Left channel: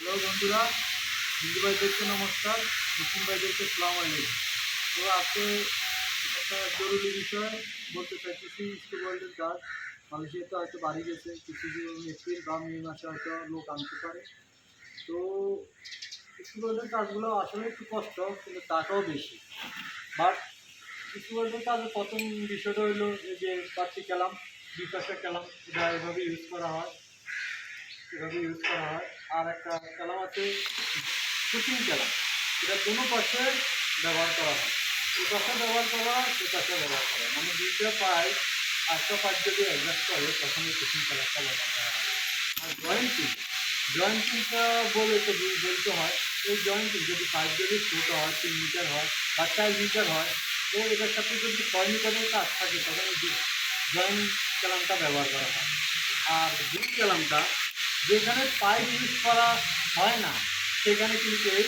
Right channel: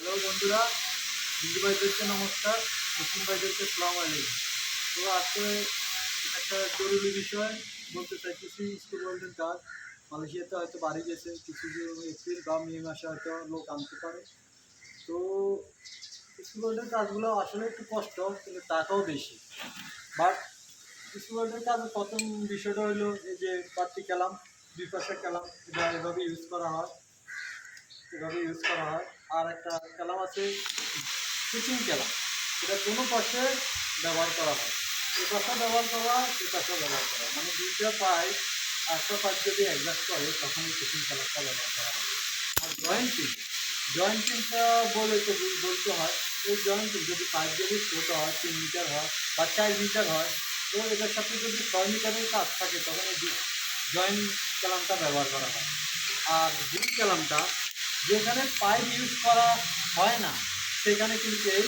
Hello বন্ধুরা, হিন্দু ভাইদেরকে নমস্কার, মুসলিম ভাইদেরকে সালাম আলাইকুম। তো আজকে একটা জরুরি বিষয় বলতে চাইতেছি। স্কুল ওয়ার্ল্ডের কাজ মালয়েশিয়াতে হয়তো বাড়ি গেছে, কিছু এপ্রিল বা মে মাসে হয়তো লোক আনতে পারে। তো স্কুল ওয়ার্ল্ডের কাজগুলো আসলে একটু কষ্ট, কিন্তু টাকাও বেশি। বাট স্কুল ওয়ার্ল্ডের কাজের প্রথম বিষয়টা হলো এই যে পার্টি কালাম, বিপাশা কালাম, এটা এভাবে ইউজ করা হয়। আর একটা কালাম আছে কুচিং কালাম, এটা কোনো পাশে ব্যবহার করা হয়। এ পাশে ব্যবহার করা হয়, এ পাশে ব্যবহার করা হয়, মানে দুইটা পাইপ একটা পাইপ যদি অ্যাডজাস্ট করে তখন এই কুচিং কালামটা ব্যবহার করা হয়। আর জয়েন্টিংটা বলে তো বলতে হয়। এই জয়েন্টিং যদি পাইপ যদি ছোটো হয়, 3 মিটার হয় বা 4 মিটার হয়, তো এটার সাথে যদি 6 মিটারের কাজ থাকে তখন এই জয়েন্ট কালামটা ব্যবহার করা হয়। আর বিম কালামটা যেখানে পাইপ ইউজ করা হয় না সেখানে কিন্তু এই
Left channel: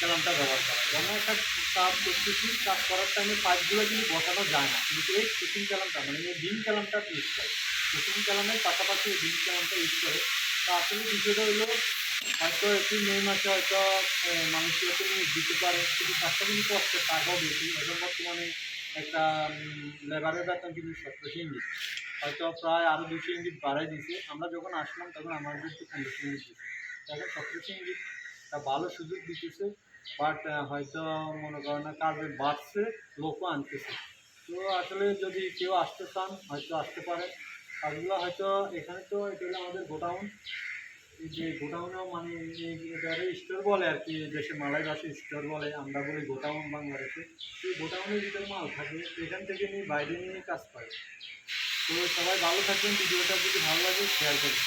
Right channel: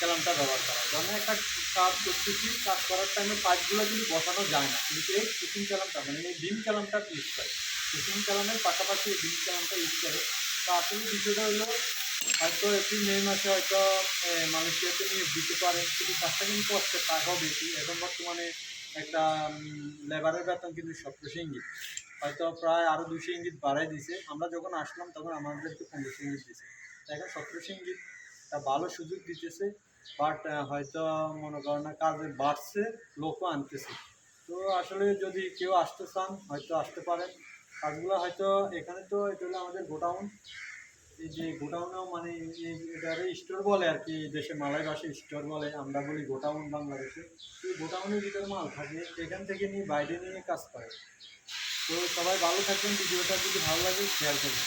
কালামটা ব্যবহার করা হয়। যেমন একটা কাজ করতেছি, কাজ করার টাইমে পাইপগুলো কিন্তু বসানো যায় না, কিন্তু এই কুচিং কালামটা মানে এই বিম কালামটা ইউজ করে। কুচিং কালামের পাশাপাশি এই বিম কালামটা ইউজ করে। তো আসলে বিষয়টা হলো হয়তো এপ্রিল মে মাসে হয়তো মালয়েশিয়াতে নিয়ে দিতে পারে, কিন্তু কাজটা কিন্তু কষ্টের, টাকাও বেশি। এখন বর্তমানে একটা লেবারের বেতন কিন্তু 1700 ইঙ্গিত, হয়তো প্রায় আরও 200 ইঙ্গিত বাড়াই দিছে। আমরা যখন আসলাম তখন আমাদেরকে 1500 ইঙ্গিত দিছে, এখন 1700 ইঙ্গিত। তা ভালো সুযোগ দিতেছে, বাট হয়তো মনে করেন না কাজে বাড়ছে, লোকও আনতেছে। তো আসলে যদি কেউ আসতে চান হয়তো আসতে পারেন। কাজগুলো হয়তো এখানে তো এটা হলো আমাদের গোডাউন। এই যে গোডাউনেও মানে এটারে স্টোর বলে আর কি, দেশে মালয় ভাষায় স্টোর বলে, আমরা বলি গোডাউন বাংলাদেশে। এই গোডাউনের ভিতরে মাল থাকে, এখান থেকে নিয়ে বাইরে নিয়ে কাজ করে। তো সবাই ভালো থাকবেন, ভিডিওটা যদি ভালো লাগে শেয়ার করবেন।